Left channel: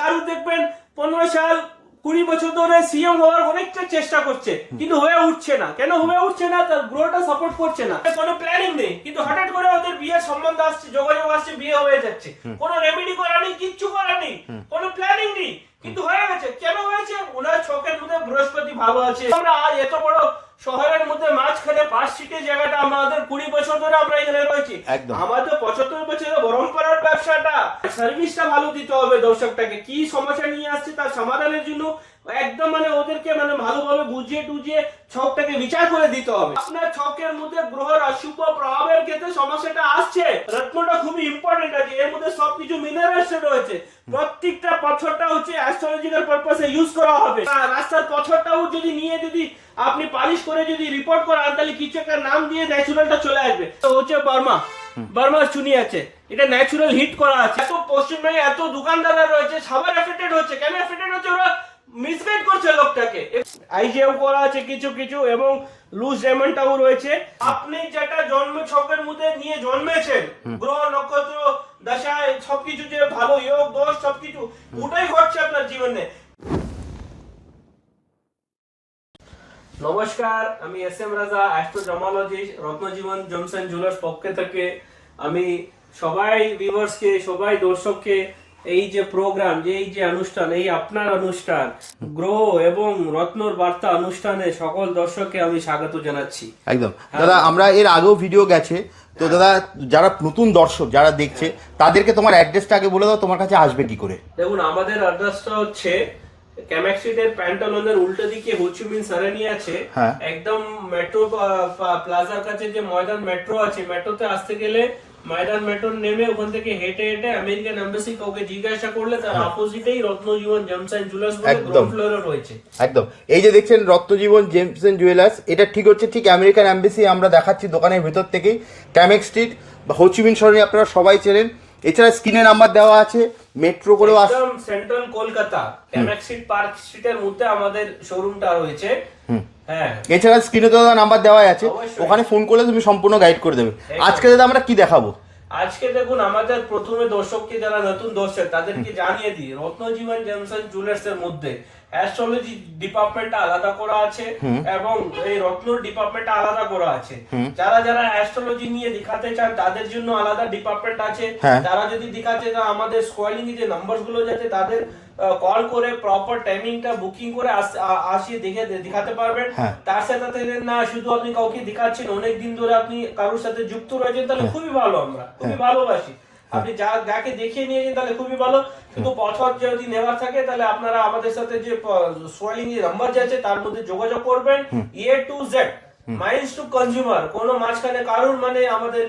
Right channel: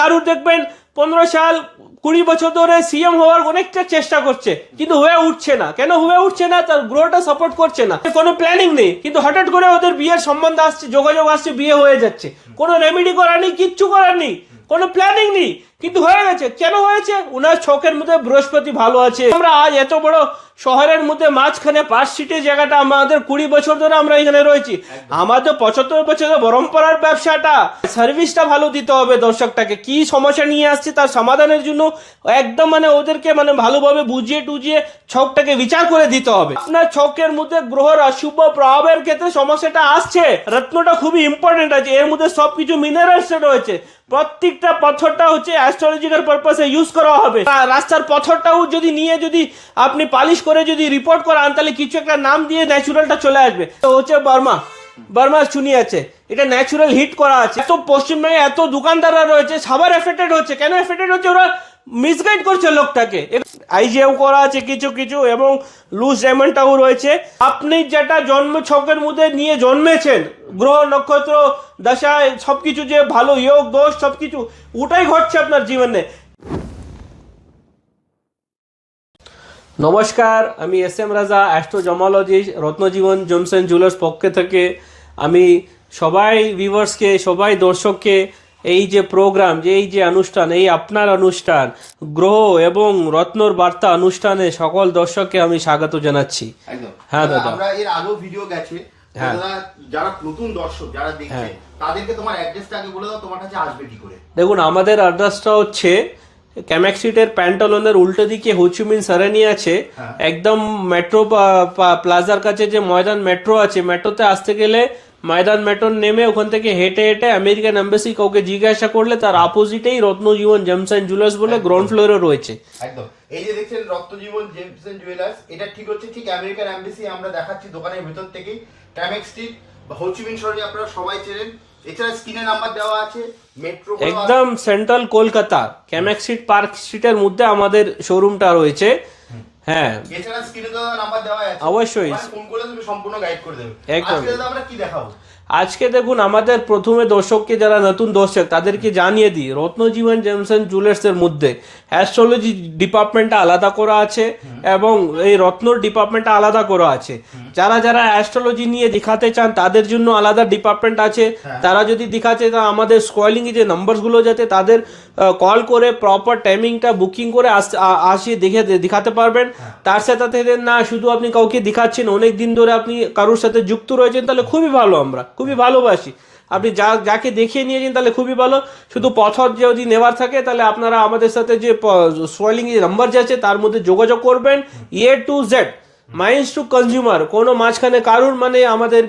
কারুর দেখবেন 15 সাল 20 বছর ধরে সিএম হওয়ার অনেকটা চেষ্টা করছে, কিন্তু হয়ে উঠছে না। কেন হয়ে উঠছে না? তার গ্রোটা সাপোর্ট করছে না, কোনো প্ল্যানিং নেই। কিন্তু হঠাৎ করে ওদের বিয়ের সম্বন্ধ আসছে, যোগাযোগ আসছে, বিয়ে হয়ে যাচ্ছে। কোনো রেমেডি করার নেই, কিচ্ছু করার নেই, কোনো প্ল্যানিং নেই, কিন্তু হয়ে গেছে। কেন হয়েছে? উনার ছকের মধ্যে বৃহস্পতি ভালো আছে। আমরা আজ এত বড় শহরের মধ্যে মাঝখানে 5 সিটের জায়গাটা আমাদের 20 বছর ধরে আমরা এখানে রয়েছি। আমাদের 75 বছরের পরম্পরার ব্যবসাটা, সার্ভিসটা ভালো দিতে হবে দর্শকটাকে। কি সমস্যা নিয়ে আসছে তার সমাধানের জন্য একদম মানে ওদেরকে মানে ভালোভাবে বুঝিয়ে টুজিয়ে ছকটাকে বিচার করে দিতে হবে। আপনার ছকের মধ্যে গ্রহর অশুভ প্রভাবের ক্ষেত্রে সমস্যাটা আসছে, রত্নটা খুবই ইম্পর্টেন্ট আছে। এর মধ্যে সবকিছু মিনারেলস রয়েছে। প্রত্যেকটা পাথরটা হচ্ছে অ্যাস্ট্রোলজিক্যাল পারপাসে ইউজ করা হবে। রাস্তার পাথরটাও যদি নিয়ে যদি আপনি পালিশ করে যদি রিপোর্ট করান, তাহলে কিছু একটা নাম দিয়ে ন্যাচুরালটা চলে আসবে। তো হচ্ছে বার্মার চুনি আছে, এটা ন্যাচুরাল হিট করা আছে। এত পশ্চিমবঙ্গে এত দোকানদাররা রয়েছে, সবার এফেক্টেড হচ্ছে। কেন এফেক্টেড হচ্ছে? ওরা মিসগাইড করছে লোকটাকে। আইজিএও করা আছে কিছু কিছু, এবং লুজ ডায়মন্ডটাও রয়েছে। আপনি যেটা জন্ম ছকের মধ্যে নিয়ে জন্মেছেন, গ্রহ নক্ষত্র দশায় সবকিছু যে ভালো যোগ দোষ সবকিছু ওটাই ঘটছে আপনার জীবনে। নমস্কার, আমি এস এম রাজা, অ্যাস্ট্রোজমোলজিস্ট, রত্নজীবন জেমস এন্ড জুয়েলার্স পক্ষে থেকে আমি সবাই ভিউয়ার্সকে, সবাই দর্শককে এই যে প্রোগ্রাম, যে এই যে অনুষ্ঠান, এই আপনার অনুষ্ঠান গ্রহ এবং রত্নর বার্তা অনুষ্ঠানে সকল দর্শককে আমি স্বাগত জানাচ্ছি। একদম দাদা, আমরা এর আগেও ভিডিও গেছে তো দাদা, যারা নতুন দর্শক যারা দেখছে তাদেরকে তোমার অ্যাড্রেসটা আগে বলে দাও, তোমার কাছে আসবে কি করে? দেখুন, আমাদের অ্যাড্রেসটা হচ্ছে ক্যামেক স্ট্রিটের প্যান্টালনের উল্টো দিকে হোচিমিন সারানি আছে, একদম মেট্রো প্লাজার কাছে যে ময়দান মেট্রো আছে, মেট্রোতে আসতে গেলে ময়দান মেট্রো নেমে ওখান থেকে হেঁটে হেঁটে আমেরিকান এম্বাসি কাউকে জিজ্ঞাসা করলে তার অপোজিটেই রত্নজীবন জেমস এন্ড জুয়েলার্স বলে গ্রাউন্ড ফ্লোরে রয়েছে। একদম, এই যে দেখছেন রত্নজীবন জেমস এন্ড জুয়েলার্স, এটা ঠিক হচ্ছে ঠিক আমেরিকান এম্বাসি আমরা দেখাচ্ছি দোকানের ভেতর থেকেই। ক্যামেক স্ট্রিট বা হোচিমিন সরণি আপনারা সবাই চেনেন। এছাড়া স্ক্রিনে নাম্বার দেওয়া আছে, মেট্রো করে একদম central Kolkata Camac street park স্ট্রিটের মধ্যে আমাদের শোরুমটা রয়েছে। হ্যাঁ, এছাড়া স্ক্রিনে তো নাম্বার দেওয়া আছে, অবশ্যই ওখানে ফোন করলে তুমি সম্পূর্ণ গাইড করে দেবে। আজকে দাদা আমরা কি দেখাবো? আজকে দেখুন, আমাদের প্রথমে দর্শককে, যারা নতুন দর্শক তাদেরকে জানিয়ে দিই, রত্নজীবন জেমস এন্ড জুয়েলার্স এর মধ্যে অ্যাস্ট্রোলজি ডিপার্টমেন্টটা আলাদা করা আছে এবং এই রত্নর ডিপার্টমেন্টটা আলাদা করা আছে। যারা যারা অ্যাস্ট্রোলজি নিয়ে দেখাতে চান তাদের জন্য আলাদা ডিপার্টমেন্ট আছে। তারা যদি দেখাতে চান, আমাদের স্কোয়ালিং যে নাম্বার গুলো যাতে তাদের কল করে প্রপার টাইমিংটা বুকিং করে আসিয়ে দেখাতে পারবেন। তার সাথে না শুধু আপনি কাউকে দেখাচ্ছেন, অনেক দিন ধরে আপনি কারোর সাথে যুক্ত রয়েছেন, তাহলে খুবই ভালো, আমরা খুবই ভালোবাসি। আপনি যাকে দেখিয়ে নিয়েছেন তাহলে খুবই ভালো। শুধু পথর যদি নেওয়ার থাকে তাহলে আপনারা আমাদের সাথে যে সোয়েলিং যে নাম্বার আছে তার মধ্যে যোগাযোগ করবেন। A to Z mines to consumer, কোনো মাঝখানে কারোর মানে আমাদের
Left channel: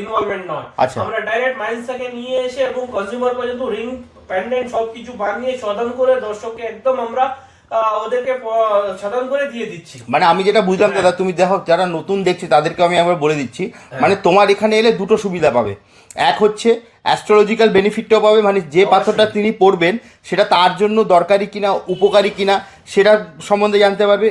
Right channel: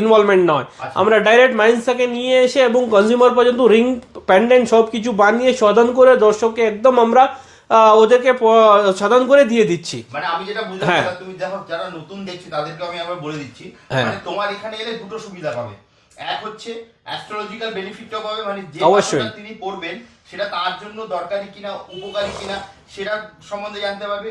ইনভলভমেন্ট নয়। আমরা ডাইরেক্ট মাইন্স থেকে নিয়ে এসে এবং কনজিউমার পর্যন্ত রিং প্যান্ডেন্ট সবকিছু বানিয়ে সদান করে দর্শককে একদম আমরা ওদেরকে সাধন করে দিয়ে দিচ্ছি। মানে আমি যেটা বুঝলাম দাদা, তুমি দেখো যারা নতুন দেখছে তাদেরকে আমি একবার বলে দিচ্ছি, মানে তোমার এখানে এলে দুটো সুবিধা পাবে। এক হচ্ছে অ্যাস্ট্রোলজিক্যাল বেনিফিটটাও পাবে, মানে যে পাথরটা তিনি পড়বেন সেটা তার জন্য দরকারি কিনা, উপকারী কিনা সেটা সম্বন্ধে জানতে পারবে।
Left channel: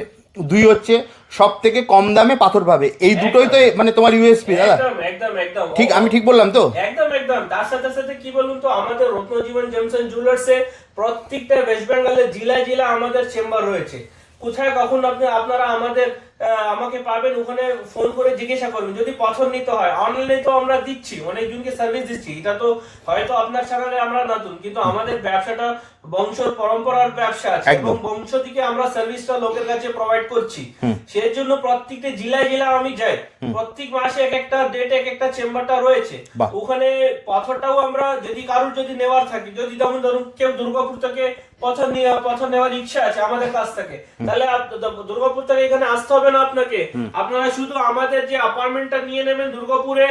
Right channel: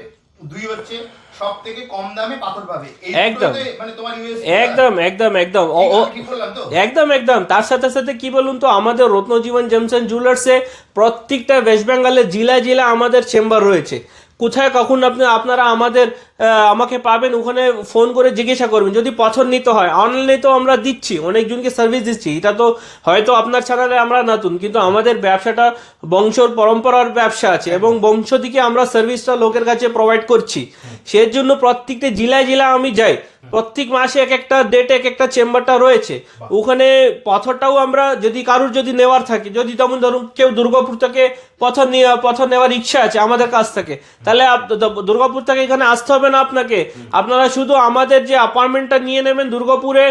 দুই হচ্ছে সব থেকে কম দামে পাথর পাবে। এই দুটোই তো মানে তোমার ইউএসপি। একদম একদম একদম ঠিক, আমি ঠিক বললাম তো? একদম একদম। তার সাথে সাথে কি বলুন তো, আমাদের রত্নজীবন জেমস এন্ড জুয়েলার্সে প্রত্যেকটা ওয়েস্ট বেঙ্গলের জেলা আমাদের চেম্বার রয়েছে। কোথায় কখন আপনারা আমাকে পাবেন, ওখানে ফোন করে জিজ্ঞাসা করবেন। যদি পাথর নিতে হয় অনলাইনে তো আমরা দিচ্ছি, অনেকজনকে সার্ভিস দিচ্ছি। এটা তো হয়তো আপনার চ্যানেলে আমরা নতুন, কিন্তু আমাদের ব্যবসাটা বংশর পরম্পরার ব্যবসা আছে এবং বংশ থেকে আমরা সার্ভিসটা লোকের কাছে প্রোভাইড করছি। সেই জন্য প্রত্যেকটা জেলা আমি যাই, প্রত্যেক মাসে এক একটা ডেটে এক একটা চেম্বারটা রয়েছে। ওখানে পাথরটাও আমরা যদি কারোর যদি নেওয়ার থাকে, যদি তখন ধরুন কেউ দুর্গাপুর থেকে পাথর নেওয়ার ইচ্ছা আছে আমাদের কাছ থেকে, তাহলে দুর্গাপুর থেকে এখানে আসতে হবে না আপনাকে। আপনারা শুধু আমাদের যে অ্যাপার্টমেন্টটা নিয়ে নেবেন দুর্গাপুরে,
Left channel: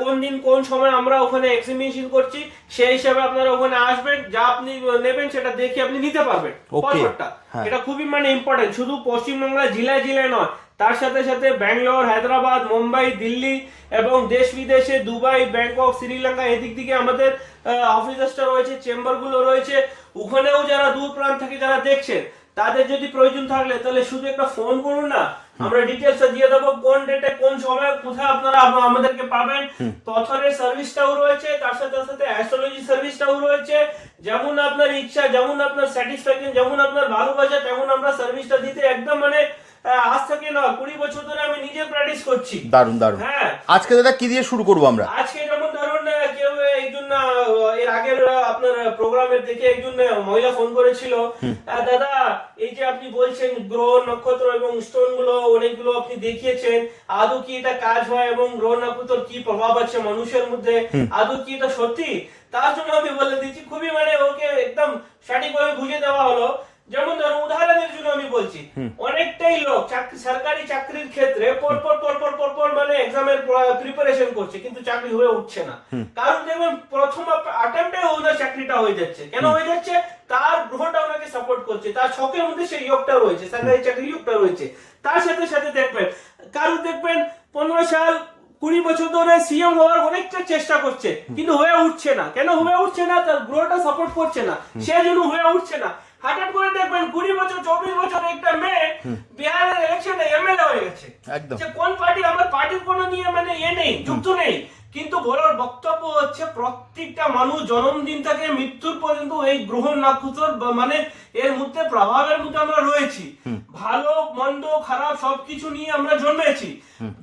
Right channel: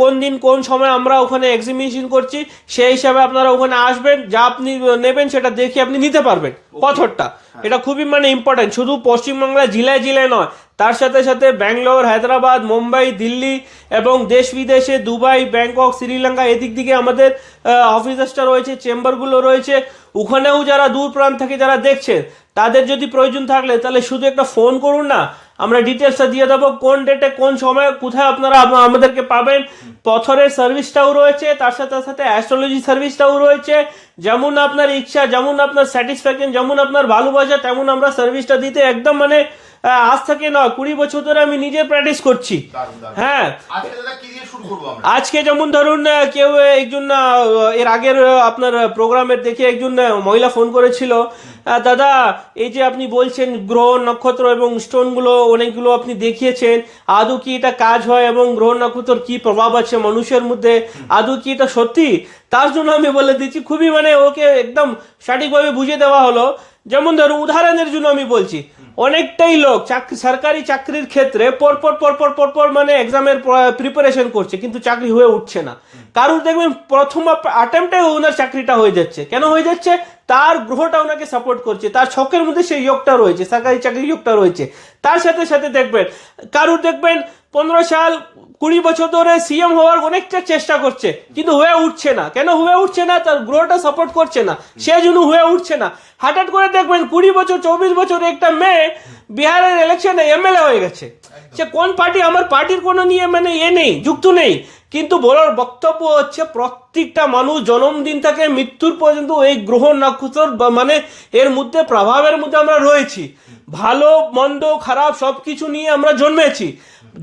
কোন দিন কোন সময় আমরা ওখানে এক্সিবিশন করছি সেই হিসাবে আপনারা ওখানে আসবেন, যা আপনি নেবেন সেটা দেখে আপনি নিতে পারবেন পাথরটা। এটা খুবই মানে ইম্পর্টেন্ট, শুধু পশ্চিমবাংলা জেলায় নয়, তার সাথে সাথে ব্যাঙ্গালোর, হায়দ্রাবাদ, মুম্বাই, দিল্লি এবং দেশ বিদেশে দুবাই, ব্যাংকক, শ্রীলঙ্কা এদিক দিকে আমাদের অফিসাসটা রয়েছে, চেম্বারগুলো রয়েছে। ওখানেও যারা দূর প্রান্ত থেকে যারা দেখছেন তাদের যদি প্রয়োজন থাকলে তাহলে শুধু একটা ফোন করুন না, আমরা ডিটেলসটা দিয়ে দেবো কোন ডেটে কোন সময় কোথায় আপনারা আমাদেরকে পাবেন। পথরের সার্ভিসটাও রয়েছে, তার সাথে সাথে অ্যাস্ট্রোলজি সার্ভিসটাও রয়েছে। যেমন আপনার ইচ্ছা, যেমন আপনার স্যাটিসফ্যাকশন, যেমন আপনার ভালোবাসা, তেমন আমরা সার্ভিসটা দিতে একদম মানে আজ থেকে না 20 বছর ধরে আমি নিজে প্র্যাকটিস করছি। দারুণ দারুণ। হ্যাঁ, আজকে দাদা কি দিয়ে শুরু করবো আমরা? আজকে যেমন ধরুন কেউ একজন এর আগের আপনার প্রোগ্রামের দেখে একজন মহিলা ফোন করেছিল, দাদা এই যে আপনি বলছেন গ্রহ নক্ষত্র এবং স্টোন গুলো অনেকগুলো আপনি দেখিয়েছেন, আদৌ কি এটা কাজ হয় এবং গ্রহ নক্ষত্র কি প্রভাব আছে মানুষের মধ্যে, আদৌ কি এটা সত্যি? তার জন্য আমি বলে দিচ্ছি, খুবই মানে ওকে একদম সঠিকভাবে বুঝিয়ে দেওয়া হলো। যেমন ধরো উদাহরণের জন্য আমি বলছি, অনেকটাই লোক সরকারি চাকরির ক্ষেত্রে পরপর মানে এক্সামের প্রিপারেশন করছে কিন্তু চাকরি হয়ে উঠছে না। কারণ দেখবেন প্রথম অ্যাটেম্পটে ওনার চাকরিটা হয়ে যাচ্ছে। কেন হয়ে যাচ্ছে? তার গ্রহটা ওনাকে সাপোর্ট করছে, তার ছকের মধ্যে সেই যোগটা রয়েছে, সরকারি চাকরির যোগটা রয়েছে। তার সাথে সাথে দেখবেন কারুর দেখবেন 15 সাল 20 বছর ধরে সিএম হওয়ার অনেকটা চেষ্টা করছে কিন্তু হয়ে উঠছে না। কেন হয়ে উঠছে না? তার গ্রহটা সাপোর্ট করছে না, সেজন্য হয়ে উঠছে না। হঠাৎ করে দেখবেন 20 বছর 24 বছর একটা মেয়ে বিহারের ইলেকশনে এমএলএ হয়ে গেছে। সে কোন পার্টি? আমার পার্টির কোনো নিয়ে মানে নেই, যুক্ত নেই। কিন্তু বলার বক্তব্য হচ্ছে প্রত্যেকটা মানুষ জন্মদিন থেকে মৃত্যুর পর্যন্ত এই গ্রহ নক্ষত্র মানে এর মধ্যে প্রভাবের মধ্যে আমরা রয়েছি। ভালো মন্দ খারাপ সবকিছু নিয়ে আমরা জন্মেছি।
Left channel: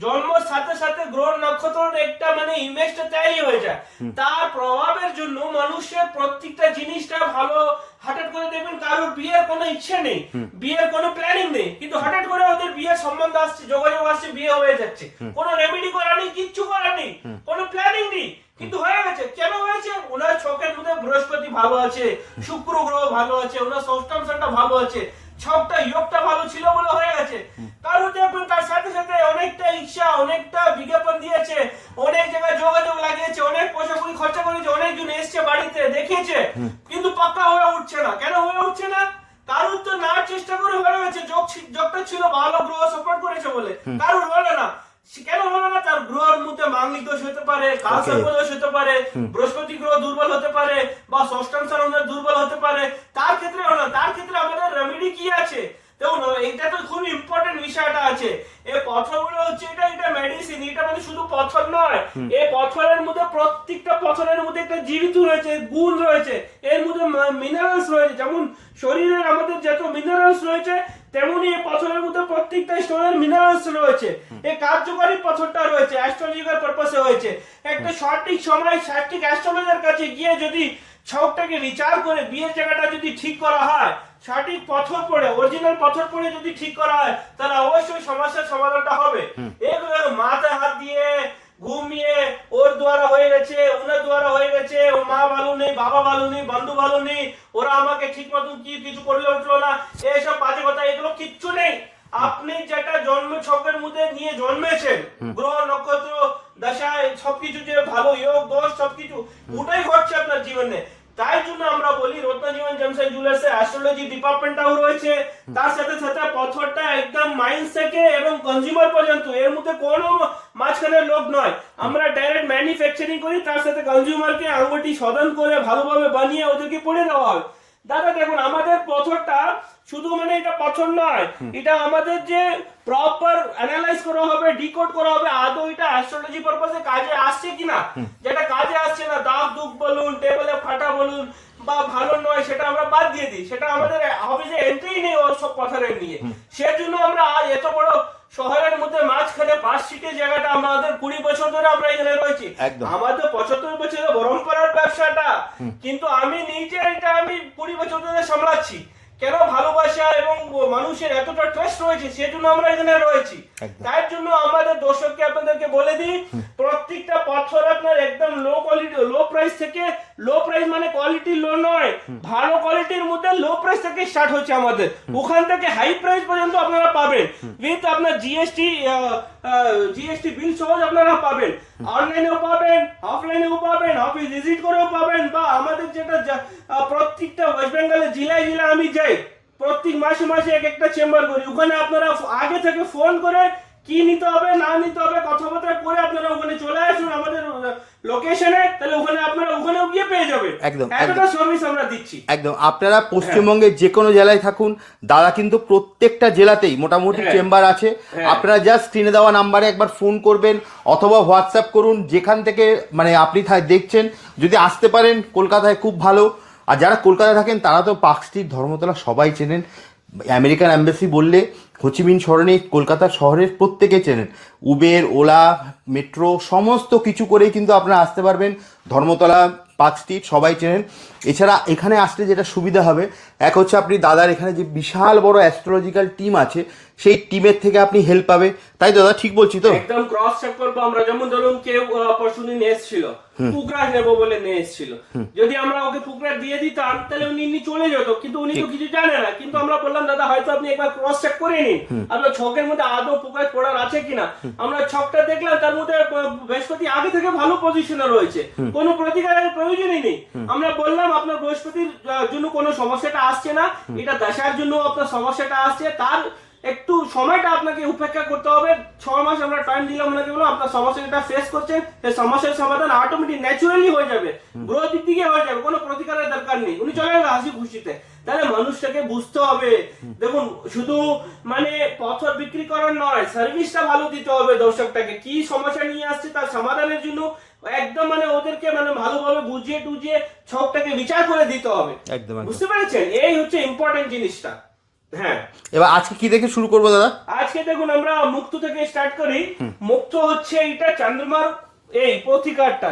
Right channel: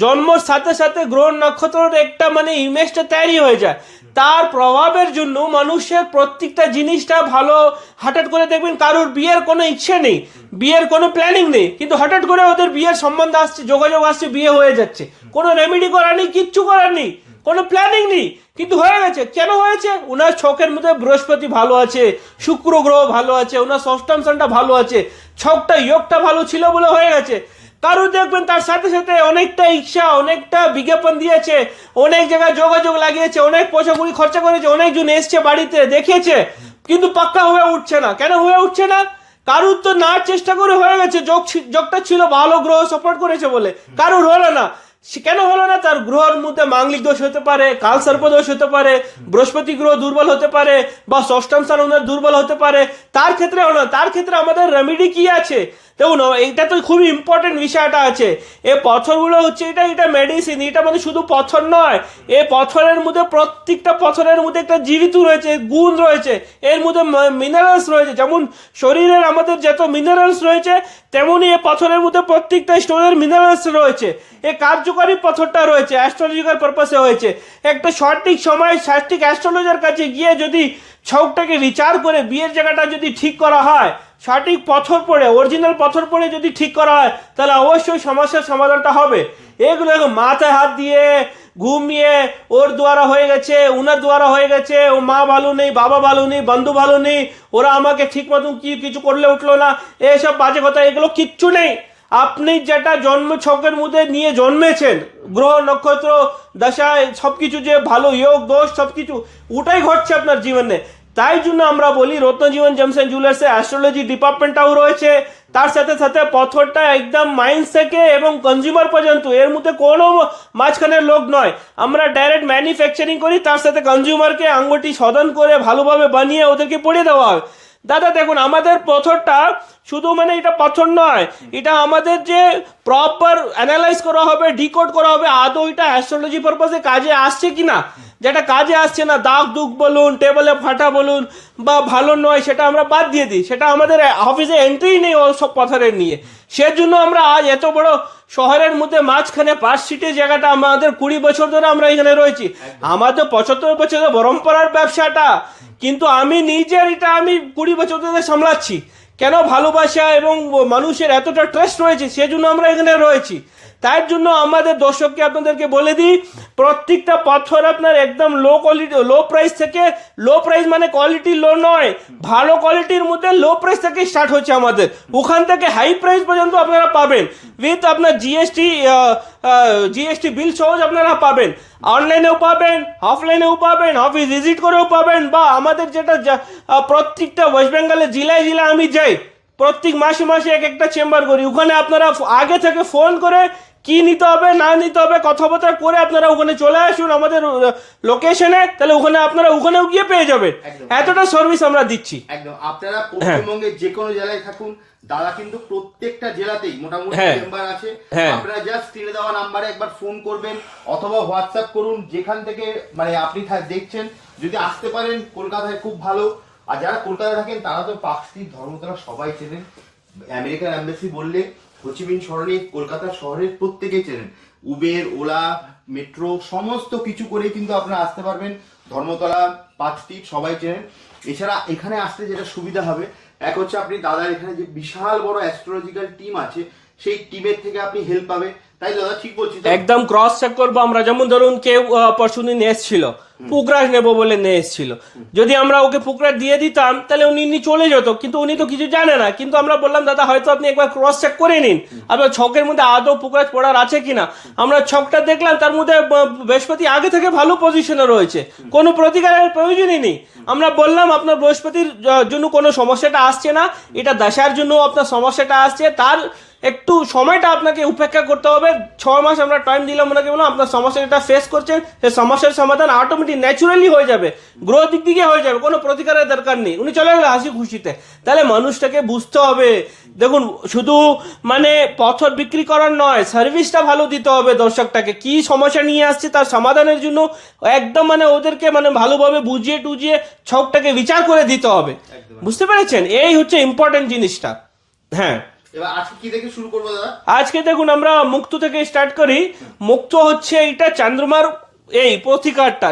জন্মের সাথে সাথে গ্রহ নক্ষত্রের একটা মানে ইমেজটা তৈরি হয়ে যায়। তার প্রভাবের জন্য মানুষের প্রত্যেকটা জিনিসটা ভালো। হঠাৎ করে দেখবেন কারোর বিয়ের কোনো ইচ্ছে নেই, বিয়ের কোনো প্ল্যানিং নেই, কিন্তু হঠাৎ করে ওদের বিয়ের সম্বন্ধ আসছে, যোগাযোগ আসছে, বিয়ে হয়ে যাচ্ছে। কোনো রেমেডি করা নেই, কিচ্ছু করার নেই, কোনো প্ল্যানিং নেই, কিন্তু হয়ে গেছে। কেন হয়েছে? উনার ছকের মধ্যে বৃহস্পতি ভালো আছে, শুক্র গ্রহ ভালো আছে, উনার ষষ্ঠম স্থানটা ভালো আছে, ছকটা যোগটা ভালো ছিল বলে হয়ে গেছে। কারো দেখবেন তার সাথে সাথে অনেকটা ইচ্ছা, অনেকটা বিজ্ঞাপন দিয়েছে, অনেক জায়গায় যোগাযোগ লাগিয়েছে, অনেক পয়সা কড়ি খরচা করেছে, অনেকজন এসছে বাড়িতে দেখিয়েছে, কিন্তু পাক্কা হয়ে উঠছে না। কেন হয়ে উঠছে না? কারুর তো না চেষ্টা করে হয়ে গেছে, যোগটা ছিল ভালো, গ্রহ সাপোর্ট করেছে বলে, কারুর হলো না। কেন হলো না? তার গ্রহের মধ্যে মাঙ্গলিক দোষ হতে পারে, কাল সর্প দোষ হতে পারে, বৃহস্পতি গ্রহ দুর্বল হতে পারে, বা ষষ্ঠম স্থান ওনার দুর্বল হতে পারে। তার ক্ষেত্রে হলো, তার ক্ষেত্রে আমাদের রেমেডি কি আছে দেখুন, এইটা তো খুবই ইম্পর্টেন্ট বিষয়টা আছে। এই পাথরগুলো হচ্ছে এটা মেডিসিন, এটা মানে শুধু পাথর নয়। এই পাথরের মধ্যে প্রত্যেকটা পাথরের মধ্যে একটা জীবিত রয়েছে, গুণ রয়েছে, এর মধ্যে মিনারেলস রয়েছে। যেমন শরীরের আমাদের যত মিনারেলস রয়েছে তেমনি এই পাথরের মধ্যে প্রত্যেকটা স্টোনের মিনারেলস রয়েছে। এই কার্যকারী পাথরটা রয়েছে, অ্যাস্ট্রোলজিক্যাল পারপাসে হয়েছে। একটা সঠিক সময় সঠিক অ্যাস্ট্রোলজার কাছে গিয়ে যদি ছকটাকে বিচার করে বিয়ের জায়গাটা যদি ঠিক করা হয়, সঠিক পাথর পড়ে, অরিজিনাল পাথর পড়ে যদি ঠিক করা হয়, তাহলে অবশ্যই সমস্যার সমাধানটা হবে। এগুলো মাথায় হাত দিয়ে ঘুমিয়ে ওর দ্বারা হয়ে গেছে, উনার দ্বারা হয়ে গেছে, ও মা ভালো নেই, বাবা ভালো নেই, বন্ধু ভালো নেই, ওরা আমাকে ঠিক মতো কিছু করলে উঠলো না, এইসব বাজে কথা, এগুলো কিচ্ছু নেই। আপনি যেটা জন্ম ছকের মধ্যে নিয়ে জন্মেছেন, গ্রহ নক্ষত্র দশা সবকিছু যে ভালো যোগ দোষ সবকিছু ওটাই ঘটছে আপনার জীবনে। তাই জন্য আমরা বলি রত্নজীবন জেমস এন্ড জুয়েলার্সে অ্যাস্ট্রোলজি ডিপার্টমেন্টটাও রয়েছে। তার সাথে সাথে পাথরটা একদম মাইন্ড থেকে এবং কনজিউমার পর্যন্ত, এর মধ্যে কোনো মাঝখানের লোক নয়। আমরা ডাইরেক্ট ম্যানুফ্যাকচারিং করি, তার সাথে কনজিউমারকে আঙ্গুটি শোধন করে ভালোভাবে বানিয়ে ওদেরকে পড়িয়ে দেওয়া হয়। দাদা দেখুন, আমাদের পাথরটা শুধু মানে এটা পাথর নয়, এটা আমাদের যে প্রপার অ্যানালাইজ করা হবে, ডিকোড করা হবে, আদৌ এটা অ্যাস্ট্রোলজি পারপাসে কাজে আসছে কিনা। যেটা কাজে আসছে না, দাগ দুগ বলুন, টেবলে ফাটা বলুন, বা ভালো নয়, সেটা আমরা বাদ দিয়ে দিই। সেটা আমাদের অফিসে এন্ট্রি নেই ও সব পাথরের নিয়ে। সেজন্য আমরা আজ এত বড় শহরের মধ্যে মাঝখানে 5 সিটের জায়গাটা আমাদের 20 বছর ধরে আমরা এখানে রয়েছি। আমাদের 75 বছরের পরম্পরার ব্যবসাটা, কিন্তু আমি নিজের এটা আমি 20 বছর ধরে সামলাচ্ছি। কেন? ভালোবাসা এবং মানুষের এতটা ট্রাস্ট রয়েছে, সেজন্য আমরা এখানে রয়েছি। তার জন্য আমাদের দর্শককে আপনাদেরকে বলে দিই, প্রত্যেকটা পাথর আপনার একদম লো কোয়ালিটি, লো প্রাইস থেকে, লো প্রাইস মানে কোয়ালিটি লো নয়, ভালো কোয়ালিটির মধ্যে লো প্রাইস থেকে স্টার্ট হচ্ছে আমাদের। ওখান থেকে হাই প্রাইস পর্যন্ত আপনারা পাবেন, উইথ আপনার জিএসটি বিল সহজ আপনারা পাবেন। অনলাইনেও পাবেন, অফলাইনেও পাবেন, অফিস ভিজিট করেও পাবেন, বা আমাদের যেটা প্রত্যেকটা ওয়েস্ট বেঙ্গলের জেলায় জেলায় আমি যাই, প্রত্যেক মাসে মাসে এক একটা চেম্বার করি, ওখানে আপনারা আগে থেকে ফোন করে কি নিতে হবে না নিতে হবে কথাবার্তা করে আপনারা ওখানে চলে আসুন আমাদের লোকেশনে, তাহলে ওখানে আপনারা ওখানেও গিয়ে পেয়ে যাবেন। একদম, এতটা সার্ভিস আমরা দিচ্ছি। একদম। আপনারা পশ্চিমবঙ্গের যে কোনো জেলায় থাকুন, দাদা কিন্তু প্রত্যেকটা জেলাতেই মোটামুটি চেম্বার আছে। আপনারা জাস্ট স্ক্রিনে দেওয়া নাম্বারে একবার ফোন করবেন অথবা হোয়াটসঅ্যাপ করুন, যেখান থেকে মানে আপনি দেখছেন। যদি আসতে পারেন কলকাতায় খুব ভালো, আর যারা কলকাতায় থাকেন তারা তো পার্ক স্ট্রিট, ধর্মতলা সবাই চেনেন। আমেরিকান এম্বাসি বললে হোচিমিন সরণি কলকাতা শহরের প্রত্যেকে চেনেন। উবের, ওলা, মেট্রো সমস্ত কিছু করেই কিন্তু আপনারা আসতে পারবেন। ধর্মতলা, পার্ক স্ট্রিট সবাই চেনেন। এছাড়া এখানে আসলে যেটা সুবিধা হবে, এক হচ্ছে আপনি দাদার এখানে যে বিশাল বড় অ্যাস্ট্রোলজিক্যাল টিম আছে, সেই টিমের থেকে আপনি হেল্প পাবে। তাই দাদা ঠিক বলছি তো? একদম ক্রস চেক করবো আমরা। যেমন ধরুন কেউ পরশুদিন এসেছিল, পুকরাশ নেবো বলে নিয়ে এসেছিল, যদি আমরা ওকে পুকরাশ দিয়ে দিতাম তাহলে উনি চলে যেত, কিন্তু উনি তো কিছু জানে না। কিন্তু আমরা বললাম দাদা হয়তো আপনি একবার ক্রস চেক করে নিন আপনার ছকের মধ্যে আদৌ পুকরাশ পড়ার আছে কিনা। আমরা ছকটা দেখলাম, তার মধ্যে বৃহস্পতি আগে থেকে ভালো পজিশনে রয়েছে, কোনো প্রতিকারের প্রয়োজনই নেই। আমরা বললাম আপনার বৃহস্পতির জন্য কোনো সমস্যাটা আসছে না, এটা দশার জন্য আপনার সমস্যাটা আসছে, তার একটু সময়টা আপনাকে উপেক্ষা করতে হবে। 6 মাস আমরা টাইম দিলাম ওনাকে, বললাম আপনার সমস্যা যেটা ফেস করছেন সেই সমস্যার সমাধান অটোমেটিক ন্যাচুরালি হয়ে যাবে, গ্রোথ দিক দিকে হয়ে যাবে, কোনো প্রতিকারের দরকার নেই। উনি চলে গেল হাসি খুশিতে। তাহলে মানুষটাকে বুঝতে হবে, দেখুন শুধু মানে পথর বিক্রি করার নয়, সার্ভিসটা ভালো দিতে হবে দর্শকটাকে। কি সমস্যা নিয়ে আসছে তার সমাধানের জন্য একদম মানে ওদেরকে মানে ভালোভাবে বুঝিয়ে টুজিয়ে ছকটাকে বিচার করে দিতে হবে। বুঝতে পেরেছেন? এই হচ্ছে ইম্পর্টেন্ট জিনিসটা। হ্যাঁ, এবার আজকে কি দেখে শুরু করবো দাদা? আজকে দেখুন আমরা মুক্ত থেকে স্টার্ট করি। মুক্ত হচ্ছে এটা চন্দ্রমার এই প্রতিকারটা।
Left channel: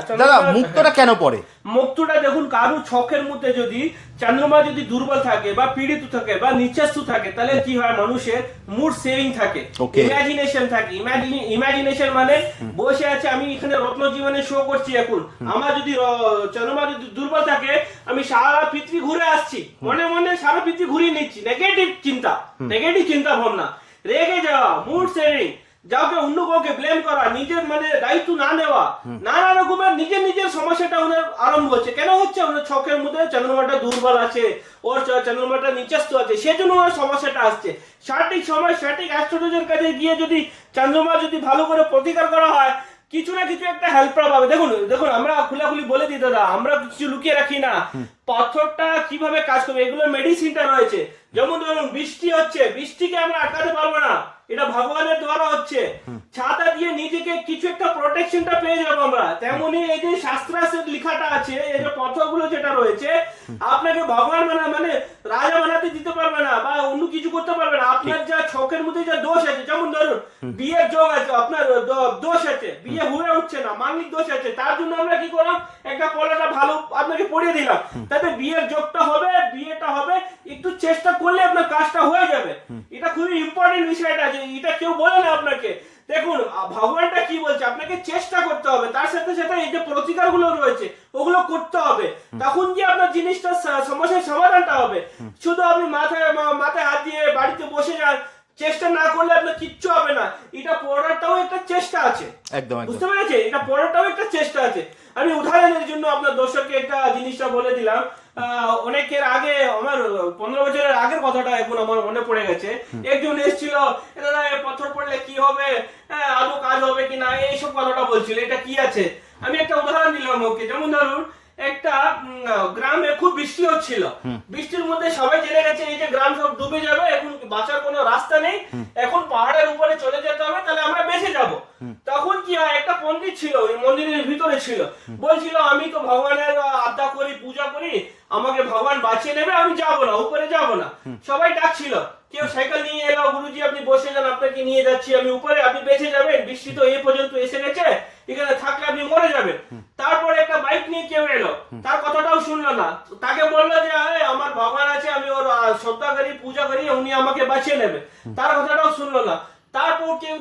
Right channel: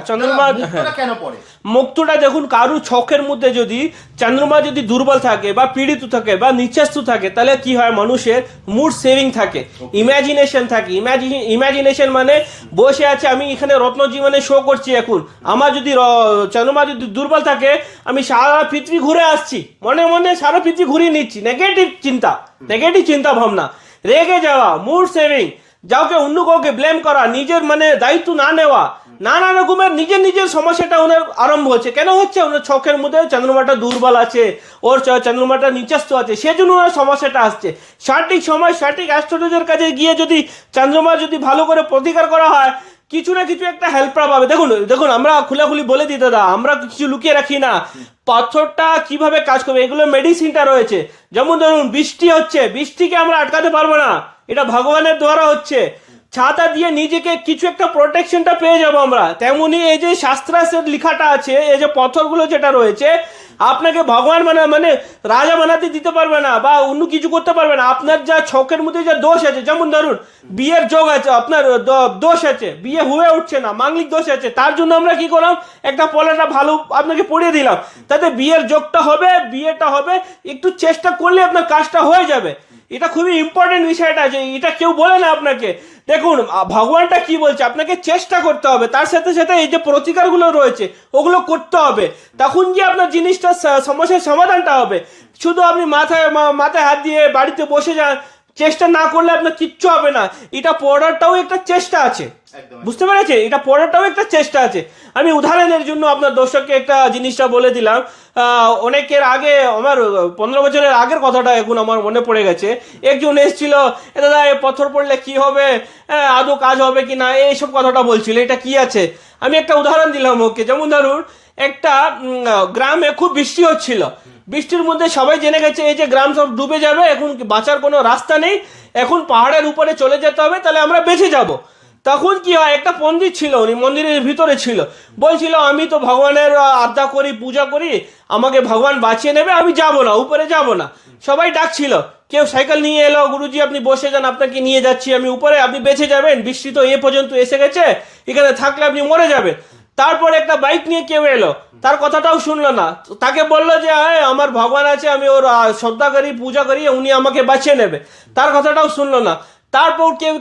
মুক্তটা কেন পড়ে? মুক্তটা দেখুন কারু ছকের মধ্যে যদি চন্দ্রমা যদি দুর্বল থাকে বা পীড়িত থাকে বা নিচস্থ থাকে, তাহলে কি হয় মানুষের মুড সেভিং থাকে, ইমাজিনেশন থাকে। ইমাজিনেশন মানে বসে আছে, আমি এখানে রত্ন জীবনে শো করছি এখন, আমার যদি চন্দ্রমা যদি দুর্বল থাকে আমি সারা পৃথিবী ঘুরে আসছি, মনে মনে সারা পৃথিবী ঘুরিয়ে নিচ্ছি। নেগেটিভ চিন্তা ভাবনা, রেগে যাওয়া, মুড সেভিং, যাওকে অন্য কাউকে ব্লেম করা, নিজের মানে দায়িত্ব না নেওয়া, নানা রকমের নিজের সমস্যাটা ওনার আরম্ভ হচ্ছে। কেন হচ্ছে? ওনার ছকের মধ্যে চন্দ্রমাটা দুর্বল আছে, ওর চন্দ্রমাটা নিচস্থ আছে, সেজন্য ওনার সমস্যাটা আসছে। সঠিক সময় সঠিক অ্যাস্ট্রোলজার কাছে গিয়ে যদি চন্দ্রমা যদি ভালো করে প্রতিকার করা হয়, কিছু না কিছু একটা হেল্প পাবে। দেখুন আমরা খুলাখুলি বলে দিই দাদা, আমরা কিছু লুকিয়ে রাখি না। পাথরটা কিভাবে কাজ করবে এগুলো মেডিসিনটা রয়েছে। যেমন ধরুন বৃষ্টি হচ্ছে, বৃষ্টিকে আমরা আটকাতে পারবো না, এটা ভগবানের দ্বারা হচ্ছে। ছাতা দিয়ে নিজেকে কিছু একটা প্রোটেকশনটা পেয়ে যাবো আমরা। তেমনি এই যে শাস্ত্রাসের লেখাটা আছে, এই যে পথরগুলো যেটা রয়েছে, আপনাকে ভগবান মানে রাজা বানাতে দিতে পারবে না বা অন্য কিছু করতে পারবে না। আপনার যা ছকের মধ্যে যা দোষ আছে, যেমন ধরুন বিয়ের যোগ আছে, আপনার দোষ আছে, বিয়ে হয়ে উঠছে না, মাঙ্গলিক দোষ আছে, তার জন্য আমরা কি করলাম, একটা পলাটা ভালো আপনাকে পড়িয়ে দিলাম, তাতে বিয়ের যোগটা হবে, বিয়েটা হবে। একটু চেষ্টা করলে আপনার কাজটা হয়ে যাবে। এটা খুবই ইম্পর্টেন্ট বিষয়টা আছে, এটা কেউ বলে না আপনাকে। দেখুন ভগবানটা কি বলছে, আপনাকে চেষ্টা করতে হবে, তার সাথে সাথে এই যে প্রতিকারগুলো রয়েছে ওগুলো করতে হবে, তখন গিয়ে আপনার জিনিসটা সমস্যার সমাধানটা হবে। শুধু আপনি মাথায় হাত দিয়ে বাড়িতে বসে যান, চেষ্টা না করলে আপনার কিচ্ছু হবে না। এটা পড়াটাও একটা চেষ্টা আছে, একদম বুঝতে পেরেছে? এটা পড়াটাও একটা চেষ্টা আছে। আমি উদাহরণের জন্য আপনার দর্শককে একটা জিনিসটা বলে দিলাম। অনেকের আগে, আমার 15 বছরের আগের কথাটা এখন আমার মনে পড়ে গেছে। একজন এসেছিল, দাদা পথর পড়লে কি হবে, আদৌ কাজ হবে কিনা, এইসব কথাটা বলছিল। এটা কি আছে, আমি একটা উদাহরণ দিলাম ওকে। যেমন ধরুন একটা গ্রামে খুব বৃষ্টি হচ্ছিল, বৃষ্টির মধ্যে সবাই জেনে গেছে এই যে গ্রাম সব ডুবে যাবে, এখন বাঁচার কোনো রাস্তা নেই, এখন পাহাড়ের উপরে চলে যেতে হবে, তাহলে আমরা বেঁচে যাব। তখন কি হয়, একটা পণ্ডিত ছিল, উনি মন্দিরের ভিতরে ছিল, বলছিল আমি তো ভগবানের আরাধনা করি, পূজা করি, আমাকে ভগবান বাঁচিয়ে নেবে, আমি যাব না, উপরে যাব না। সবাই ডাকছিল, কেউ সাইকেল নিয়ে এলো, গুরুজি আপনি বসে যান, আপনাকে নিয়ে যাচ্ছি আমি উপরে, আপনি বেঁচে যাবেন, বৃষ্টি তো এ পর্যন্ত এসে গেছে, এখানে থাকলে আপনি মরে যাবেন। তারপর একটা বাইক নিয়ে কেউ এলো, তার কথাটাও শুনলো না, তাকে বললো যে আমার ভগবান আছে, আমি ওর শ্রদ্ধা করি, পূজা করি, উনি আমাকে বাঁচিয়ে নেবে, তার কথাটাও শুনলো না। তারপর কেউ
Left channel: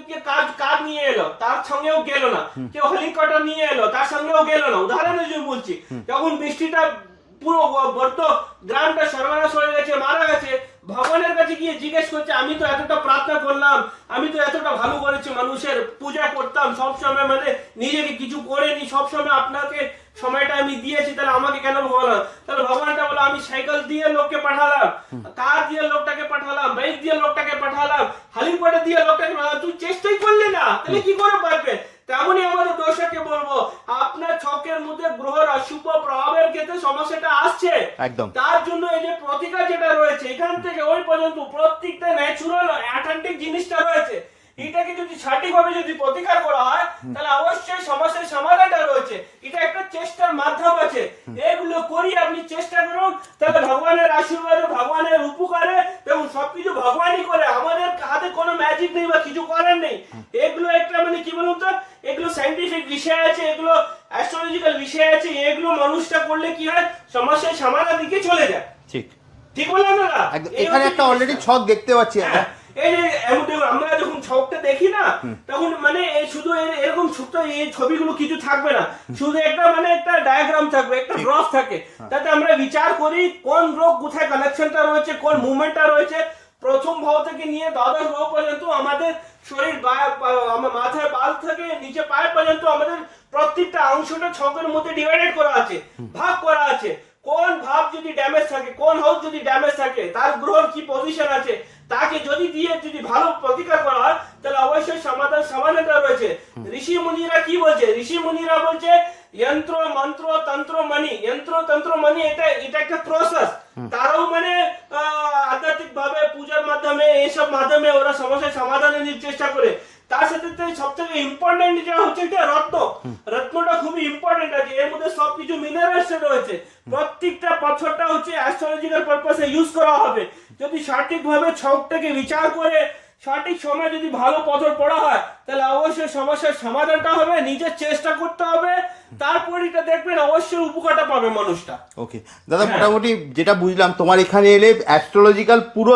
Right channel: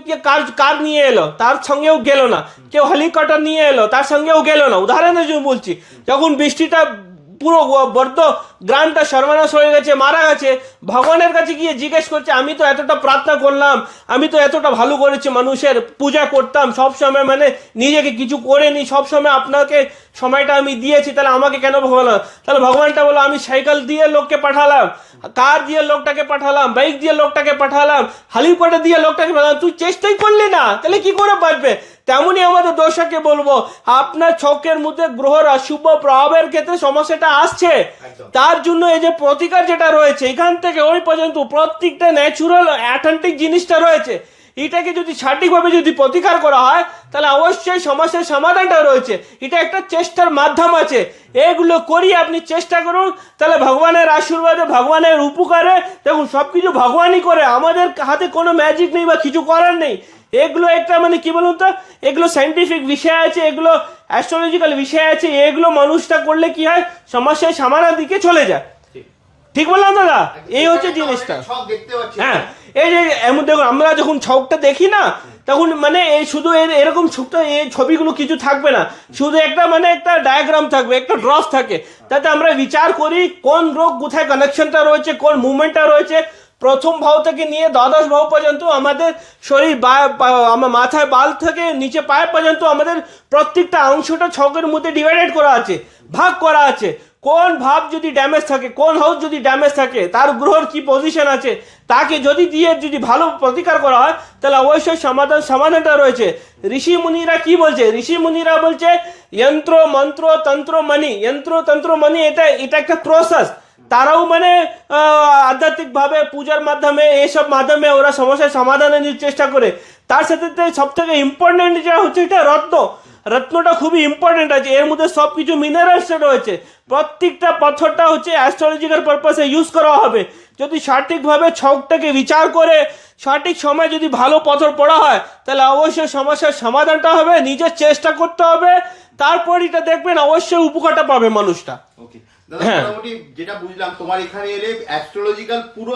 কার নিয়ে এলো, তার সঙ্গেও গেল না। কেউ হেলিকপ্টার নিয়ে এলো, তার সঙ্গেও গেল না। উদাহরণের জন্য বলছি, যখন বৃষ্টিটা পুরো বর্দ গ্রামটা সর্বনাশ হয়ে গেছে, মারা গেছে, ভগবানের কাছে গিয়ে জিজ্ঞেস করছে আমি তো এতটা প্রার্থনা করলাম, আমি তো এতটা ভালো করেছি, মানুষের পূজা করতাম সব সময়, মানে নিজেকে কিছু করেনি, সব সময় আপনাকে সময়টা আমি দিয়েছি, তাহলে আমাকে কেন ভগবান? তাহলে ভগবানটা বলো আমি সাইকেল দিয়ে লোককে পাঠালাম, কার দিয়ে লোকটাকে পাঠালাম, বাইক দিয়ে লোকটাকে পাঠালাম, হালিপাটে দিয়ে লোকটাকে পাঠালাম, তুই চেষ্টাই করলি না, তাহলে কি করে পারবে? তেমনি আমাদের দর্শককে বলবো, আপনার ছকের মধ্যে গ্রহের অশুভ প্রভাবের ক্ষেত্রে সমস্যাটা আসছে, একদম। তার জন্য এই যে প্রতিকার যেটা রয়েছে এখান থেকে ওই পর্যন্ত প্রত্যেকটা ন্যাচুরাল অ্যাথেন্টিক জিনিসটা রয়েছে, এটাকে যদি সঠিকভাবে যদি প্রতিকার করা হয় তাহলে অবশ্যই সমস্যার সমাধানটা রয়েছে। এটা একটা চেষ্টার মাধ্যম আছে, এগুলো করি আপনি চেষ্টা করুন, তাহলে ভগবানের আশীর্বাদে ভগবানের উপকারে দেখুন সবকিছু ভগবানই করে, আমাদের হাতে কোনো ম্যাজিক নেই বা কিছু করার নেই। এগুলো একটা মানে কি বলুন তো, এগুলো সাইন্টিফিক বিষয় আছে, এগুলো অ্যাস্ট্রোলজিক্যাল বিষয় আছে, এগুলো মানুষটা করলে কি হয় সমস্যার সমাধান দিকে চলে যায়। ঠিক ঠিক বললাম দাদা? এই হচ্ছে অলরেডি ছক দেখতে পাচ্ছি হ্যাঁ, আমরা। এই যে এমন দেখুন আমরা যখন ছকটা দেখি না তখন মানে এই শুধু এরকম ছোট্ট এই ছবিগুলো কিছু থাকবে না, শুধু একটা মানে একটা ডায়াগ্রাম থাকবে, একটা ড্রফ থাকে, তাতে আমরা বিচার করি কোন রোগ কোথায় কানেকশনটা রয়েছে, কোন মুভমেন্টটা রয়েছে, প্রথম ভাব থেকে নিয়ে দ্বাদশ ভাব পর্যন্ত আমাদের শরীর আমার মাথায় বাল থেকে নিচে পায়ে পর্যন্ত আমাদের প্রত্যেকটা অংশটা ছকের মধ্যে ডিভাইডেড করা আছে, ভাগ করা আছে, কোন ভাব যদি ড্যামেজ থাকে, কোন হাউস যদি ড্যামেজ থাকে, তার গ্রহের কি পজিশন আছে, তাকে যদি দিয়ে যদি ভালো প্রতিকার করা হয় তাহলে অবশ্যই সমাধানটা রয়েছে। ঋষি মুনিরা কি বলছে? ঋষি মুনিরা বলছে যন্ত্র মন্ত্র তন্ত্র মানি, যন্ত্র তন্ত্র মানি এটা একটা প্রসেস, তারাও মানে আধ্যাত্মিক ভাবে পূজার মাধ্যমে এইসব মাধ্যমে ওরা সমস্যার সমাধানের চেষ্টা করে। তার সাথে সব থেকে ইম্পর্টেন্ট যেটা হচ্ছে এটা রত্নটা খুবই ইম্পর্টেন্ট আছে, এর মধ্যে সবকিছু মিনারেলস রয়েছে, প্রত্যেকটা পাথরটা হচ্ছে অ্যাস্ট্রোলজিক্যাল পারপাসে ইউজ করা হবে। যদি সঠিকভাবে ছকটাকে বিচার করে সঠিক সময় যদি ভালো পাথর পড়া হয় তাহলে অবশ্যই সমস্যার সমাধানটা হবে, নিজের চেষ্টা করতে হবে, তারপর এটা দেখবেন অবশ্যই উপকারটা পাবে মানুষটা। ওকে দাদা, মোটামুটি যেটা বুঝলাম তোমার এখানে এলে অ্যাস্ট্রোলজিক্যাল পুরো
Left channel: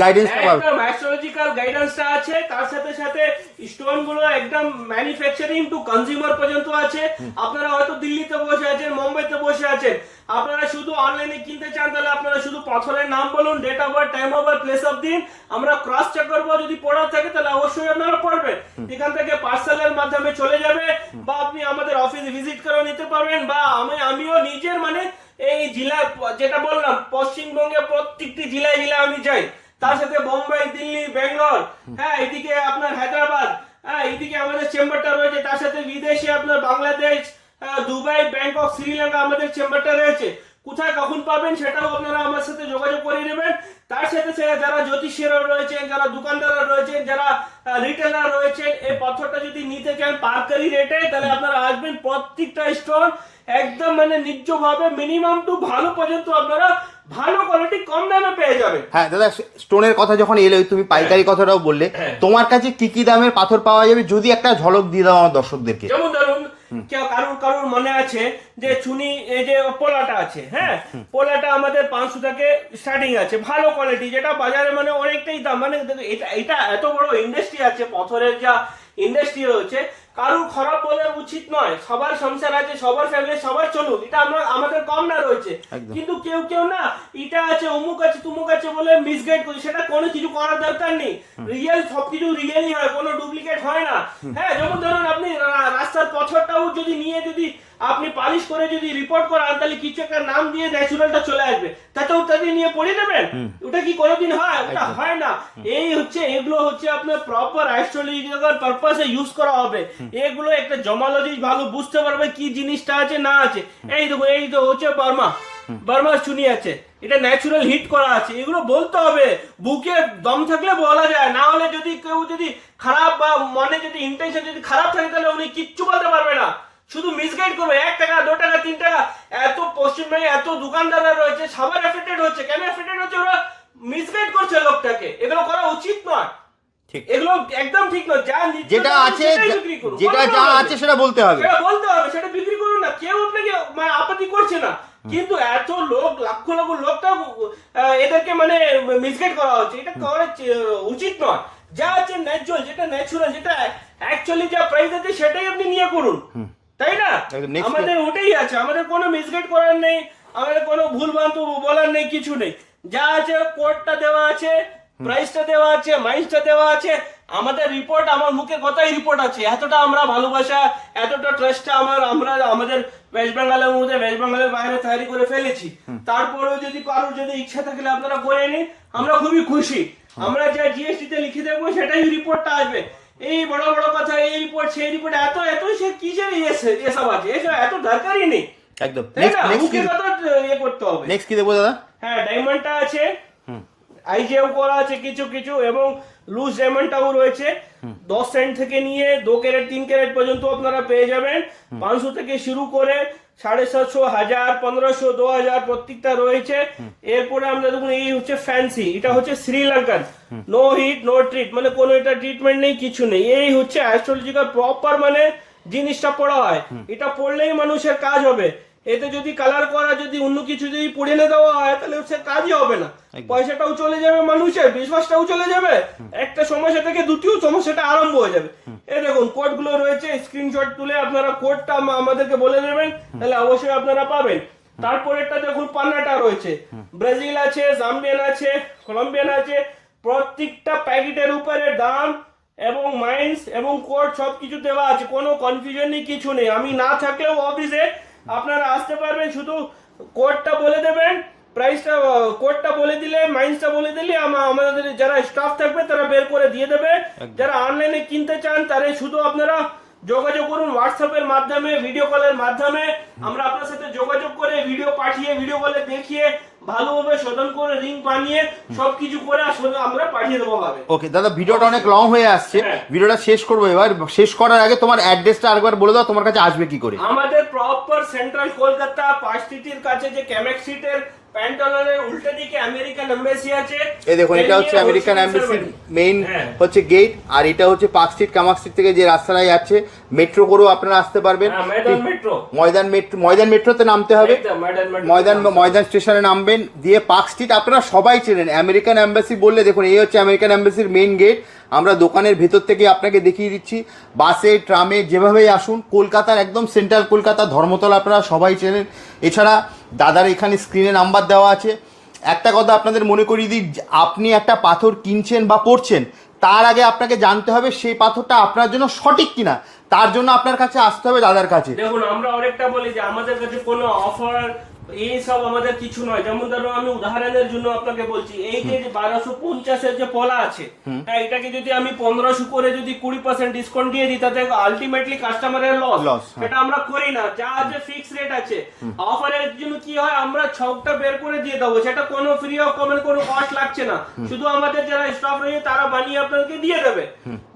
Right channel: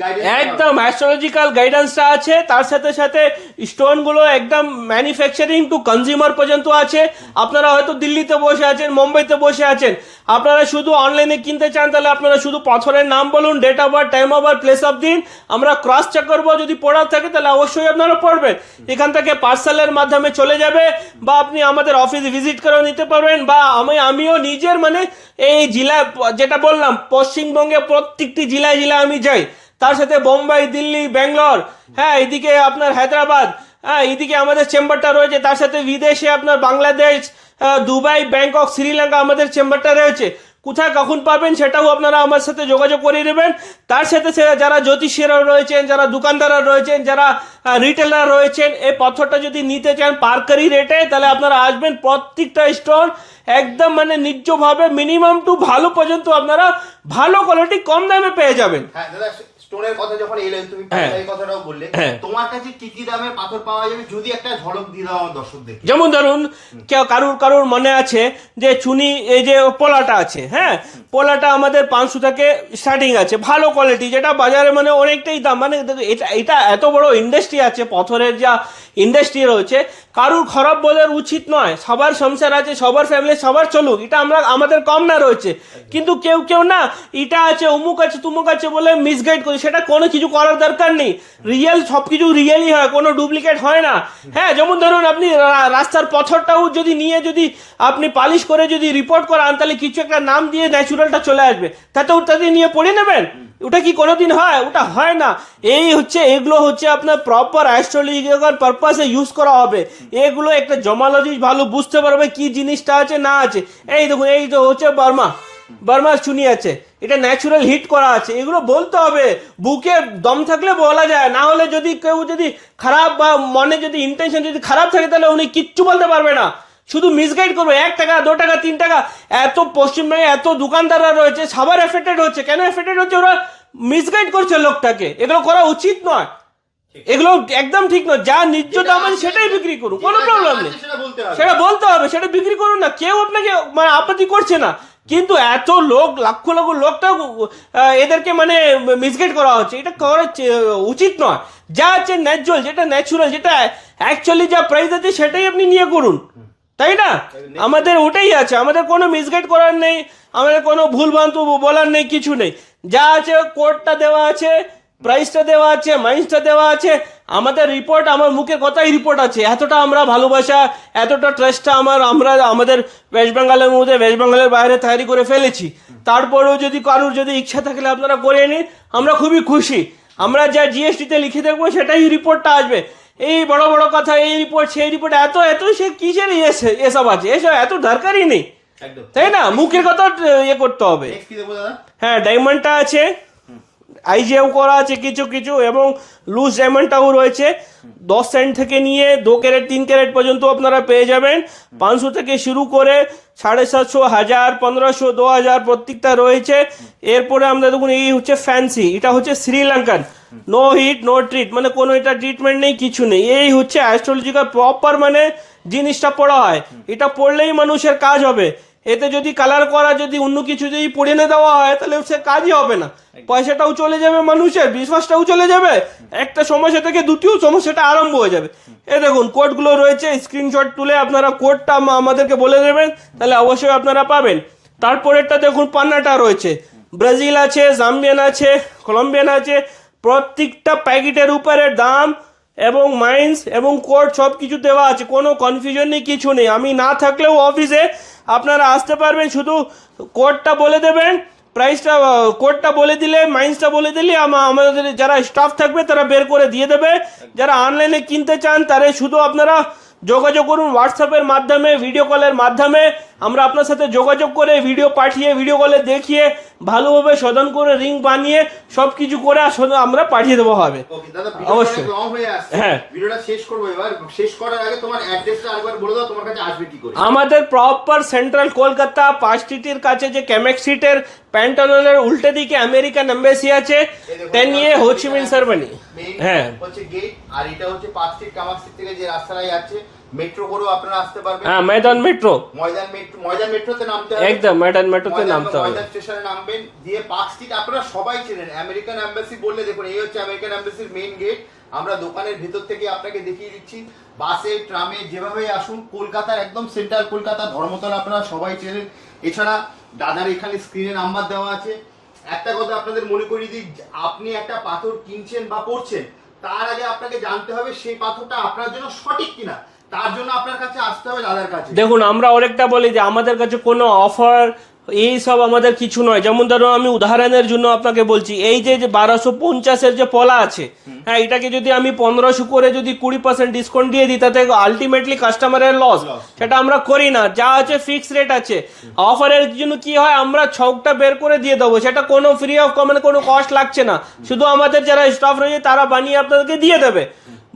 গাইডেন্স একদম অ্যাস্ট্রোলজিক্যাল গাইডেন্সটা আছে, তার সাথে সাথে স্টোন গুলো একদম ম্যানুফ্যাকচারিং টু কনজিউমার পর্যন্ত আছে। আপনারা হয়তো দিল্লিতে বসে আছেন, মুম্বাইতে বসে আছেন, আপনারা শুধু অনলাইনে কিনতে চান তাহলে আপনারা শুধু পাথরের নাম বলুন, date of birth, time of birth, place of দিন, আমরা ক্রস চেক করবো, যদি পড়া থাকে তাহলে অবশ্যই আপনারা পড়বেন। এখান থেকে পার্সেলের মাধ্যমে চলে যাবে, বা আপনি আমাদের অফিসে ভিজিট করে নিতে পারবেন, বা আমিও নিজের মানে এই জেলা যেটা বললাম পশ্চিমবঙ্গে প্রত্যেকটি জেলায় আমি যাই, তার সাথে বোম্বাই, দিল্লি, ব্যাঙ্গালোর, হ্যাঁ এদিকে আপনার হায়দ্রাবাদ, হ্যাঁ এইদিকে আমাদের চেম্বারটা রয়েছে, তার সাথে বিদেশে আপনার বাংলাদেশ, দুবাই, ব্যাংকক, শ্রীলঙ্কা আমাদের চেম্বারটা রয়েছে। কোথায় কখন পাবেন সেটাও আপনারা আমার সাথে যোগাযোগ করে নেবেন। তার সাথে যারা জ্যোতিষীরা রয়েছেন, যারা দোকানদাররা রয়েছেন, যারা রিটেলার রয়েছেন, এই পাথরটা যদি নিতে চান পারকারি রেটে তাহলে আপনারা আসবেন, প্রত্যেকটা স্টোন একদম মানে ন্যায্যভাবে মিনিমাম টু ভালো পর্যন্ত আপনারা ভালো কোয়ালিটি কম দামে পেয়ে যাবেন। হ্যাঁ দাদা, স্টোনের কথা যখন এলো তুমি পাইকারি কথাটাও বললে, তোমার কাছে কি কি দামের পাথর পাওয়া যাবে যদি একটা ঝলক দিয়ে দাও আমার দর্শকদেরকে। যেমন ধরুন কারুর মনে আছে যে চুনি এই যে পোলাটা আছে, হ্যাঁ পোলাটা আমাদের 500 থেকে স্টার্টিং আছে, ভালো কোয়ালিটি, যেটা বাজারে মানে অনেকটাই দাম, মানে এটা এত বড় ইন্ডাস্ট্রি আছে, পাথরের যা ইন্ডাস্ট্রি রয়েছে, কারুর খারাপ বলার উচিত নয়, সবার সংসার আছে, সবার ফ্যামিলি, সবার চলুক, এটা আমাদের কম না রয়েছে, কিন্তু কেউ না এটা আছে অমুক আছে তুমুক আছে বলে মিসগাইড করি, সেটা কোনো কিছু করার দরকার নেই, রিয়েল সবকিছু রিয়েলই হয়, কোনো ডুপ্লিকেট হয় না। হ্যাঁ যেমন ধরুন আপনি রাস্তার পাথরটাও যদি নিয়ে যদি আপনি পালিশ করে যদি রিপোর্ট করান তাহলে কিছু একটা নাম দিয়ে ন্যাচুরালটা চলে আসবে, তাতে নিয়ে পড়ে নেবেন, ওটা কি কোনোদিন হয়? ওটা হয় না। এগুলো হচ্ছে আপনার প্রপার অ্যাস্ট্রোলজিক্যাল পারপাসে ইউজ করা হবে, এগুলো একটা জমালজি ভালো বুঝতে পারবে কি জিনিসটা আছে না আছে। এই দেখুন এই তো হচ্ছে বার্মার চুনি আছে, এটা ন্যাচুরাল হিট করা আছে, এগুলো বলতে হবে, বুকে দম থাকলে বলা যায়, না হলে যদি কেউ যদি খারাপ বা মনে যদি ইন্টেনশন যদি খারাপ থাকে তাহলে উনি কিচ্ছু বলতে পারবে না, শুধু মিসগাইড করবে। 1 টাকা 2 টাকা 3 টাকা এত পশ্চিমবঙ্গে এত দোকানদাররা রয়েছে, সবার এফেক্টেড হচ্ছে। কেন এফেক্টেড হচ্ছে? ওরা মিসগাইড করছে লোকটাকে, এগুলো করা উচিত নয়, এগুলো একদম ঠিক নয়। যা নিত্যতা সেটাই বিক্রি করুন, সেটা বলতে হবে, সেটা বিক্রি করুন না, কেউ আপনাকে মানে আপত্তি করছে না, কিন্তু এত লোক লক্ষ লোকটা এদেরকে মানে মিসগাইড করা হচ্ছে, এটা করা উচিত নয়। যা আছে ন্যাচুরাল, যেটা ন্যাচুরাল, যেটা অ্যাকচুয়ালি যা প্রাইস আছে সেটাই আপনি নিয়ে করুন, তাই না? একদম, next আমাদের ওটাই আছে, আমাদের কোনো মিসগাইড করার নেই, আমাদের কোনো ভুল ভ্রান্ত বলার নেই, কিছু নেই। যা আছে কোডটা দেওয়া আছে, প্রাইসটা দেওয়া আছে, মাইন্সটা দেওয়া আছে, আমাদের রিপোর্ট, আমার মুখের কথাই রিপোর্ট আছে। এতটা আমরা ভালোবাসা, এতটা ট্রাস্টটা আমরা আমাদের ওয়েস্ট বেঙ্গলের মধ্যে, ওয়েস্ট বেঙ্গলের বাইরে তৈরি করে ফেলেছি। তারপরেও যদি কারোর যদি ইচ্ছা থাকলে আপনারা করে নিন, আমরা খুবই খুশি। আমরা যা জিএসটিতে লিখে দেখবো সেটাই রিপোর্টটা আসবে। এই বড় বড় কথা, এই রিপোর্ট সেই রিপোর্ট, এত এত সে কিসের এসব আছে, এসব এত দরকারই নেই, একদম, তাই না? মুখের কথা ইয়ে করতে হবে। নেক্সট কি দেবো দাদা? হ্যাঁ, ডায়মন্ডটা আছে, আইজিএও করা আছে কিছু কিছু, এবং লুজ ডায়মন্ডটাও রয়েছে। 10 সেন্ট থেকে নিয়ে 2 ক্যারেট 3 ক্যারেট পর্যন্ত আপনারা পেয়ে যাবেন। 500 থেকে শুরু করে 750, 1000, 1500, 2000 প্রত্যেকটা রয়েছে। এরপরে আমরা দেখুন, এই হচ্ছে ফ্যান্সি, এটা হচ্ছে Sri Lankan, no heat no treat, মানে কোনো এটা ট্রিটমেন্ট নেই, কিছু নেই। এই হচ্ছে অ্যাস্ট্রোলজিক্যাল প্রপার, মানে জিনিসটা পড়া হয়, এটা পড়লেই মানুষের কাজ হবে। এতে যদি কালার করা, যদি অন্য কিছু যদি পড়ে না দেওয়া হয়, তাহলে সে কাজই হবে না, পয়সাটাও চলে যাবে, মানুষের বিশ্বাসটাও চলে যাবে, একটা সমস্যা থেকে দ্বিতীয় সমস্যাটা আরম্ভ হয়ে যাবে। এই দেখুন কোডগুলো রয়েছে, স্ক্রিনশট তুলে আপনারা কোডটা আমাদেরকে বলে দেবেন, তাহলে অবশ্যই আপনারা পাবেন। তারপরেরটা দেখুন, পান্নাটা রয়েছে, ব্রাজিল আছে, জাম্বিয়ান আছে, কলম্বিয়ান আছে, প্রত্যেকটা প্যাকেটের উপরে দাম এবং মাইন্স এবং কোড সব কিছু দেওয়া আছে, কোনো কনফিউশন নেই, কিছু নেই। আমি না থাকলেও অফিসে আপনারা আসতে পারবেন, শুধু কোডটা বলে দেবেন, প্রাইসটা কোডটা বলে দিলে, মাইন্সটা বলে দিলে আমাদের যারা স্টাফ থাকবে তারা বের করে দিয়ে দেবে। যারা অনলাইনে কিনতে চান তারা শুধু আপনারা যোগাযোগ করুন হোয়াটসঅ্যাপের মাধ্যমে, ভিডিও কলের মাধ্যমে। আমরা আপনার সাথে যোগাযোগ করে ভিডিও পাঠিয়ে, ভিডিও কলে দেখিয়ে, ভালোভাবে শোধন করে রিং বানিয়ে সবকিছু করে আমরা পাঠিয়ে দেবো হবে। ওকে দাদা, ভিডিওটা অনেক লং হয়ে আসছে, ভিডিওটা শেষ করবো। এবার শেষ করার আগে তোমার অ্যাড্রেসটা আরেকবার বলে দাও, তোমার কাছে আসবে কি করে? আমাদের প্রপার সেন্ট্রাল কলকাতা 5 স্ট্রিটের কাছে যে ক্যামেক স্ট্রিটের প্যান্টালনের উল্টে দিকে আমেরিকান এম্বাসি আছে। এই দেখুন, এটা হচ্ছে আমেরিকান এম্বাসি মেইন হচ্ছে গেট, আর এটা হচ্ছে 5 স্ট্রিট, কামাক স্ট্রিট থেকে যে রাস্তাটা যাচ্ছে, মেট্রো করেও আপনারা আসতে পারবেন। ময়দান মেট্রো, ময়দান মেট্রোতে নামতে হবে, একদম ময়দান স্টেশনে নামবেন, দিয়ে পার্ক স্ট্রিট আপনারা সবাই চেনেন। আমেরিকান এম্বাসি বললে দেখুন, এই হচ্ছে আমেরিকান এম্বাসির মেইন গেট। আমরা দোকানের ভেতর থেকে আপনাকে দেখিয়ে দিচ্ছি, বাসে ট্রামে যেভাবেই আসুন, কলকাতার একদম সেন্ট্রাল কলকাতা, ধর্মতলা আপনারা সবাই চেনেন। এছাড়া দাদার এখানে স্ক্রিনে নাম্বার দেওয়া আছে। একটা কথা আপনাদের মনে করিয়ে দিই, আপনি একটা পাথর কিনছেন বা পড়ছেন, তার আগে আপনাকে জানতে হবে সেই পাথরটা আপনার জন্য সঠিক কিনা। তার জন্য আপনার কাছে আসতে হবে দাদার কাছে। দেখুন, আমরা অনেকটা বলি যে আমাদের কাছে কোনো অফার এই সব আমাদের কিছু নয়। যেমন ধরো, আমি উদাহরণের জন্য আপনাকে বলছি, এই যে 1250-এর যে পলা আছে, হ্যাঁ, এটাকে যদি আমি 1500 করে যদি 20% ডিসকাউন্ট দিয়ে দিই, তাতে আলটিমেটলি কাস্টমারের লস। সেটা আমরা করি না, যা আছে ফিক্স রেট আছে। অফারের জন্য কি হয়, আমরা ছকটা বের করে দিয়ে দেবো, সেটা কোনো ফ্রি অফ মানে কোনো কস্ট লাগছে না, শুধু আমাদের যারা স্টাফ রয়েছে তারা বানিয়ে আপনাদেরকে দিয়ে দেবে।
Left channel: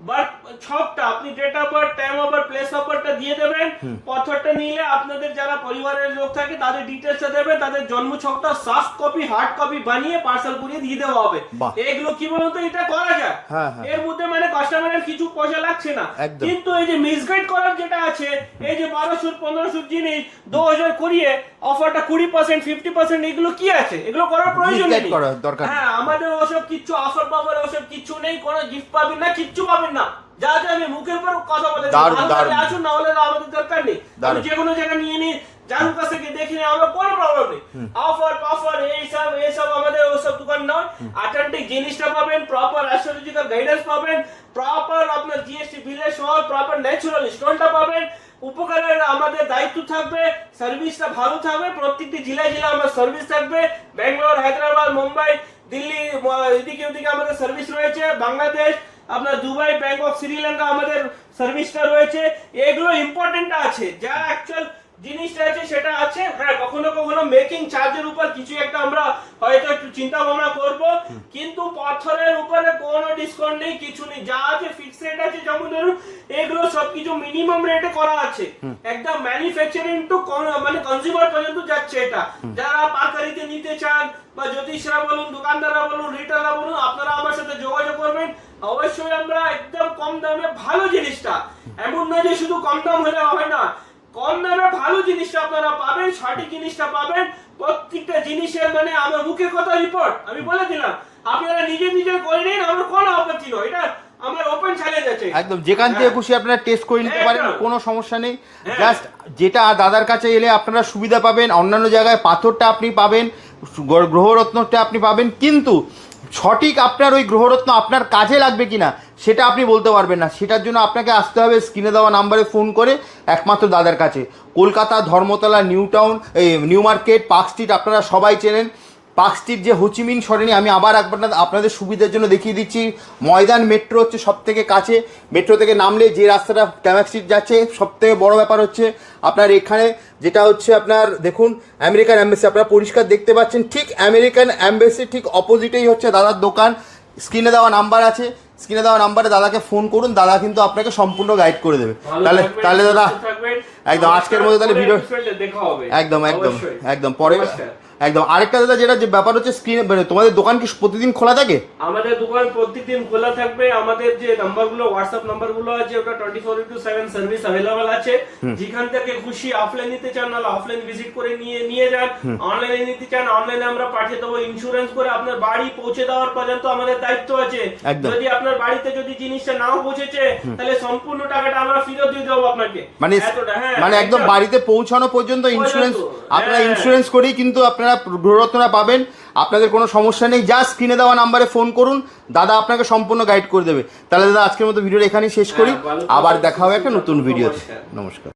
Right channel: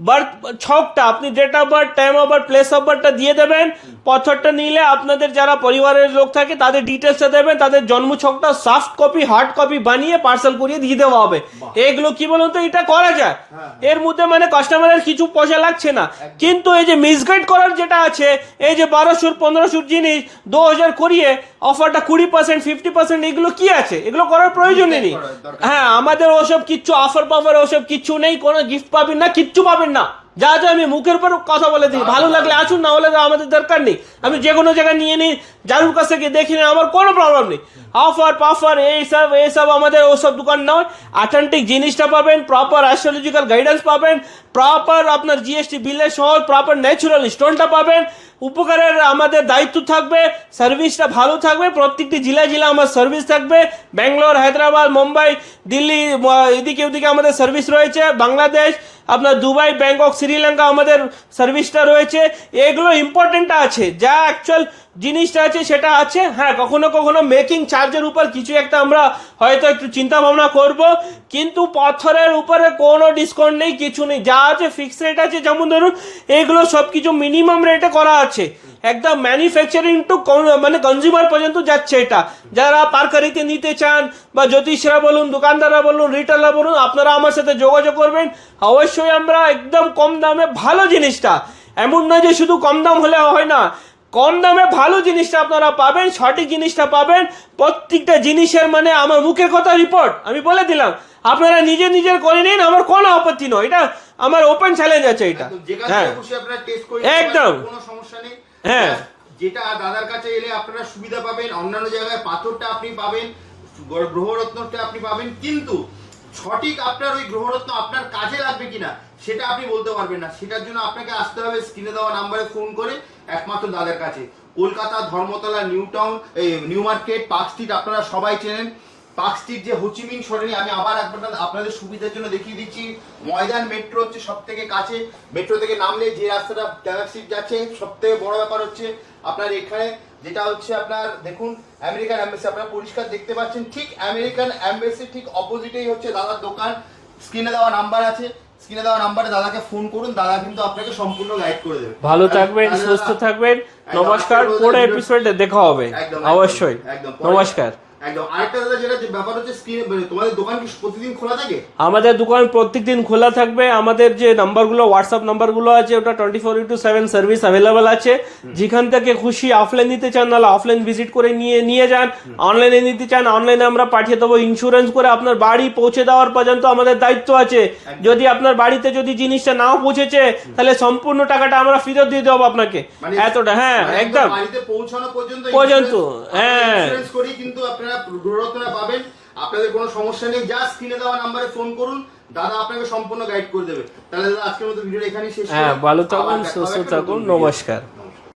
বার্থ ছকটা আপনি date of birth, time of birth, place of বার্থটা দিয়ে দেবেন। পাথরটা নিলে আপনাদের যারা পরিবারের লোক থাকে তাদের ডিটেলসটা দেবেন, তাদের জন্ম ছকটা সফট কপি, হার্ড কপি বানিয়ে পার্সেল করিয়ে দিয়ে দেওয়া হবে। এগুলো কি বলুন তো, এটা করা যায়, এর মধ্যে মানে কাস্টমারের কিছু পয়সা লাগছে না। কিন্তু এই যে মিসগাইড করার যেটা আছে, এই যে 1200-1500 জিনিস 2000 করিয়ে অফারটা 20%, 50%, এগুলো কি আছে? এগুলো করার প্রয়োজন নেই। হ্যাঁ, আমাদের ওসব কিচ্ছু অফার পাওয়ার ওসব কিচ্ছু নেই, কোনো গিফট পাবেন না, কিচ্ছু পাবেন না। যা যা আমি মুখের উপর কথা বলে দিই, ভালো লাগলে আসুন, না হলে আমাদের দরকার নেই। আমি যে কোনো জায়গায় নিয়ে নিই, যার কাছ থেকে দেখি না, আমার কোনো প্রবলেম নেই। অফার পাফার এইসব আমাদের ওসব দোকান নয়। অথেন্টিক জিনিসটা পাবেন, প্রপার অ্যাস্ট্রোলজিক্যাল গাইডেন্স পাবেন, প্রপার আপনার জিএসটি বিলের সহ প্রপার ন্যাচুরাল স্টোনটা পাবেন। উপকারের আমাদের দায়িত্ব থাকবে, সার্ভিসটা ভালো থাকবে, প্রত্যেকটি জেলা আমার সার্ভিস থাকবে। ব্যাঙ্গালোর, হায়দ্রাবাদ, মুম্বাই, দিল্লি, এদিকে ওদিকে আমাদের সার্ভিস রয়েছে। বাংলাদেশ, আপনার দুবাই, ব্যাংকক, শ্রীলঙ্কা আমাদের সার্ভিসটা রয়েছে। এগুলো ইম্পর্টেন্ট আছে, যা অ্যাকচুয়াল জিনিসটা আছে সেটা আছে। হ্যাঁ, কখনো কখনো মেকিং চার্জের উপর কিছু একটা আমরা হয়তো একটু চিন্তা ভাবনা করব, কিন্তু পাথরের উপরে কোনো ডিসকাউন্ট নেই, কিছু নেই, যা আছে ফিক্স রেট আছে। যেমন ধরুন, এগুলো সবকিছু মিনিমাম রেটে করা আছে, একদম ম্যানুফ্যাকচারিং টু মানে কনজিউমার পর্যন্ত যাচ্ছে এটা। যারা পারকারিতে নিতে চান, বা জ্যোতিষরা বলুন, দোকানদাররা বলুন, রিটেলার বলুন, আপনারা আমার সাথে যোগাযোগ করবেন। অবশ্যই আমরা একদম কম দামে ভালো জিনিসটা, এমন নয় যে শুধু কম দাম হলে হয় না, কম দামে ভালো জিনিসটা আপনারা পাবেন, সঠিক জিনিসটা পাবেন। প্রত্যেকটা জিনিসের মানে আমার মুখের কথা রিপোর্ট আমি বলে দিলাম, আপনারা নিজের করে নিন, আমার কোনো আপত্তি নয়, এটা আমার ওপেন চ্যালেঞ্জ আছে এটা। একদম যেখান থেকে খুশি আপনারা টেস্ট করে নিতে পারেন, একদম। কোনো সমস্যা নেই। হ্যাঁ। Just যেটা দাদার কাছে এলে আপনারা সুবিধা পাবেন, অন্যান্য জায়গায় পাথরটা আপনি পাবেন, গ্রহরত্নটা আপনি পাবেন, কিন্তু সঠিক আপনার ওই গ্রহরত্ন আপনার কাজে লাগবে কিনা সেটা আপনি বলতে পারবেন না। সেটার জন্য আপনাকে আসতে হবে স্ক্রিনে দেওয়া নাম্বারে ফোন করে একমাত্র দাদার কাছে। Kolkata Dharmatala, new town, new market, park street আপনারা সবাই চেনেন। পার্ক স্ট্রিট যে হোচিমিন সরেনি, আমি আবার আপনাদের সুবিধার জন্য দেখিয়ে দিচ্ছি। ময়দান মেট্রো হচ্ছে সব থেকে কাছে, মেট্রো থেকে নামলে যে রাস্তাটা ক্যামাক স্ট্রিট যাচ্ছে, সব থেকে বড় ব্যাপার হচ্ছে আপনার এখানে যেটা হচ্ছে আপনার দেখুন আমেরিকান অ্যাম্বাসি, আপনারা পরিষ্কার দেখতে পাচ্ছেন, ঠিক আমেরিকান অ্যাম্বাসি ঠিক অপোজিটেই হচ্ছে দাদার দোকান। স্ক্রিনে দেওয়া নাম্বার আছে, স্ক্রিনে দেওয়া নাম্বারে দাদাকে ফোন করুন, দাদা কিন্তু আপনাকে সম্পূর্ণ গাইড করে দেবে। ভালো থাকবেন, সুস্থ থাকবেন, একদম আজকের মতো পরের এপিসোডে দেখা হবে। একদম অবশ্যই একদম নমস্কার। একদম আরেকটা দাদা যেটা যে ব্যাপার হচ্ছে স্ক্রিনে, তোমাদের দোকান কি প্রতিদিন খোলা থাকে? আমাদের দোকান প্রত্যেকদিন খোলা থাকবে। আমাদের যে নাম্বারগুলো, হোয়াটসঅ্যাপ নাম্বারগুলো আছে, ওটা 24/7 সার্ভিস অ্যাভেলেবল আছে। যেখান থেকে খুশি অফলাইন নিতে চান নাহলে অফলাইন ভিজিট করে নিয়ে যান, অনলাইনে নিতে চান অনলাইনে আমরা পাঠিয়ে দেবো। ইন্স্যুরেন্স করে আপনার বাড়ি পৌঁছে দেওয়ার পর্যন্ত আমাদের দায়িত্ব আছে। যদি আপনার বাড়িতে যদি জিনিসটা নাও পৌঁছেছে তাহলে সম্পূর্ণ টাকাটা আমরা ফেরত দিয়ে দেবো আপনাকে। মানে এতটা, হ্যাঁ, মানে একদম বাড়িতে পৌঁছানো পর্যন্ত ইন্স্যুরেন্স করেই কিন্তু আপনারা গ্রহরত্নটা পাবেন। আপনাদের কোনো সমস্যা নেই, যা স্ক্রিনে দেওয়া নাম্বারে ফোন করুন, দাদা আপনাকে সম্পূর্ণ গাইড করে দেবে। তাহলে দাদা আজকের মতো ভিডিওটা এখানেই শেষ করি, আবার দেখা হবে একটা নতুন ভিডিও। নমস্কার। নমস্কার।